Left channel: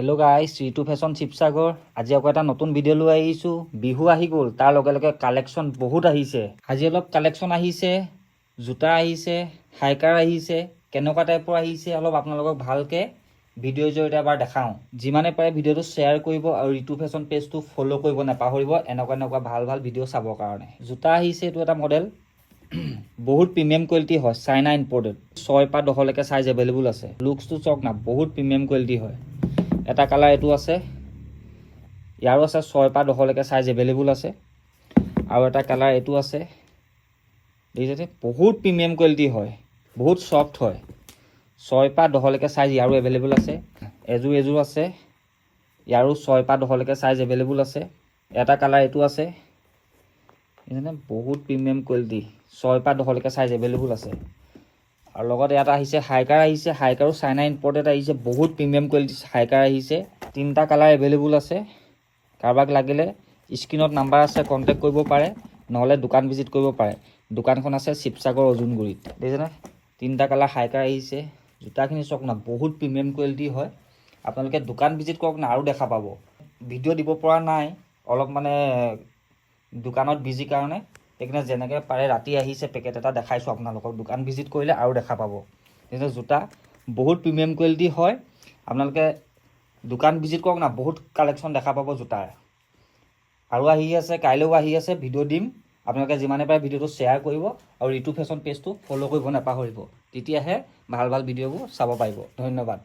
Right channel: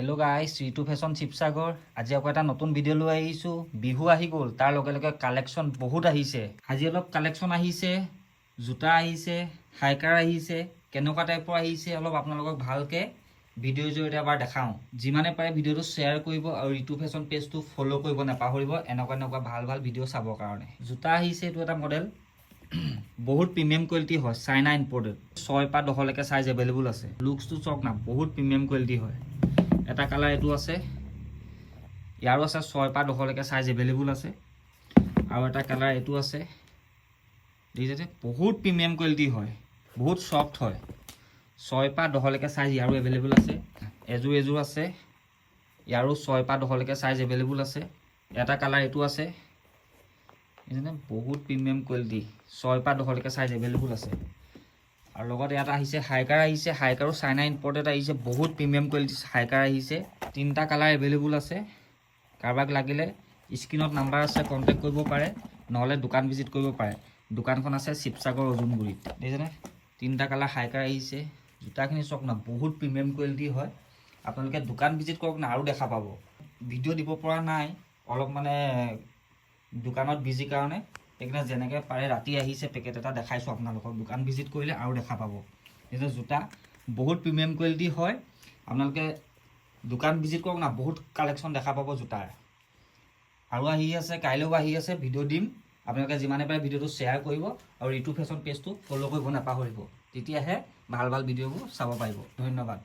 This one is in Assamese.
হেল্ল' গাইজ, ঋতু ফেশ্বন শিৱসাগৰ। আজি আকৌ এটা নতুন ভিডিঅ' লৈ আহিছোঁ। বিহু আহি গ'ল, তাৰ লগে লগে কালেকশ্যন বহুত আহিছে। আজি অলপ কালেকশ্যন আহিছে, জোতা আহিছে, হাইকাৰ আহিছে, কেনেকুৱা টাইপৰ আহিছে অলপ আপোনালোকক ভালকৈ ভিডিঅ'ৰ জৰিয়তে এবাৰ দেখাওঁ। যিমানে পাৰে ভিডিঅ'টো শ্বেয়াৰ কৰিব আৰু ঋতু ফেশ্বন পেজটো ফ'ল' কৰিব নাপাহৰিব এনেকুৱা ভাল ভাল ভিডিঅ' চাবৰ কাৰণে। জোতা আহিছে, এইটো এটা মডেল বহুত প্ৰিমিয়াম কোৱালিটি হয়, চাইনা ইম্পৰ্টেড। 6 পৰা 10লৈকে চাইজ এভেইলেবল আছে। লুকছটো চাওক না, বহুত প্ৰিমিয়াম কোৱালিটি হয়। এটা কালাৰ এইটো আছে, ইয়াৰো আছে 6 পৰা 10লৈকে চাইজ এভেইলেবল আছে। আৰু এটা কালাৰ এইটো আছে, দেখিছে, বহুত প্ৰিমিয়াম কোৱালিটি হয়, বহুত ছফ্ট হয়। 6 পৰা 10লৈকে চাইজ ইয়াৰো এভেইলেবল আছে। এযোৰ আছে, ইয়াৰো 6 পৰা 10লৈকে চাইজ এভেইলেবল আছে। এটা কালাৰ এইটো আছে, দেখিছেনে, বহুত প্ৰিমিয়াম কোৱালিটি, 6 পৰা 10লৈকে চাইজ এভেইলেবল আছে। আৰু লগত ইয়াত আহিছে হাইকাৰ আহিছে, হাইকাৰো চাইনা ইম্পৰ্টেড আহিছে, বহুত প্ৰিমিয়াম কোৱালিটি হাইকাৰ আহিছে। 3টা কালাৰ এভেইলেবল আছে। কাৰোবাক লাগিলে স্ক্ৰীণত নাম্বাৰ আছে, কণ্টেক্ট কৰিব পাৰে, নহ'লে দোকান ভিজিট কৰিব পাৰে। দোকানখন আছে শিৱসাগৰ অজুনগুৰিত, দেখিছেনে। 3টা কালাৰ হাইকাৰ আহিছে। জোতাখিনি চাওক না, বহুত প্ৰিমিয়াম কোৱালিটি হয়। আপোনালোকে দোকান ভিজিট কৰক না, আৰু দেখা পাব। ভিডিঅ' দিব পৰা নাই, অলপ মানে দোকানত বিজি কাৰণে, সেইকাৰণে যেনেকৈ পাৰে ৰাতি আহিছে পেকেট এটা দেখাইছোঁ আপোনালোকক। দোকান ভিজিট কৰিলে আৰু দেখা পাব। কিন্তু জোতা বহুত প্ৰিমিয়াম কোৱালিটি হয়। আপোনালোকে দোকান ভিজিট কৰক না, বহুত কালেকশ্যন দেখা পাব জোতাৰ। আৰু আহি আছে, কাইলৈও আহি আছে, ভিডিঅ' দিম। আপোনালোকে যিমানে পাৰে ভিডিঅ'টো শ্বেয়াৰ কৰিব আৰু ঋতু ফেশ্বন পেজটো ফ'ল' কৰিব নাপাহৰিব, তেতিয়াহে ভাল ভিডিঅ'বোৰ চাব পাৰিব। ধন্যবাদ।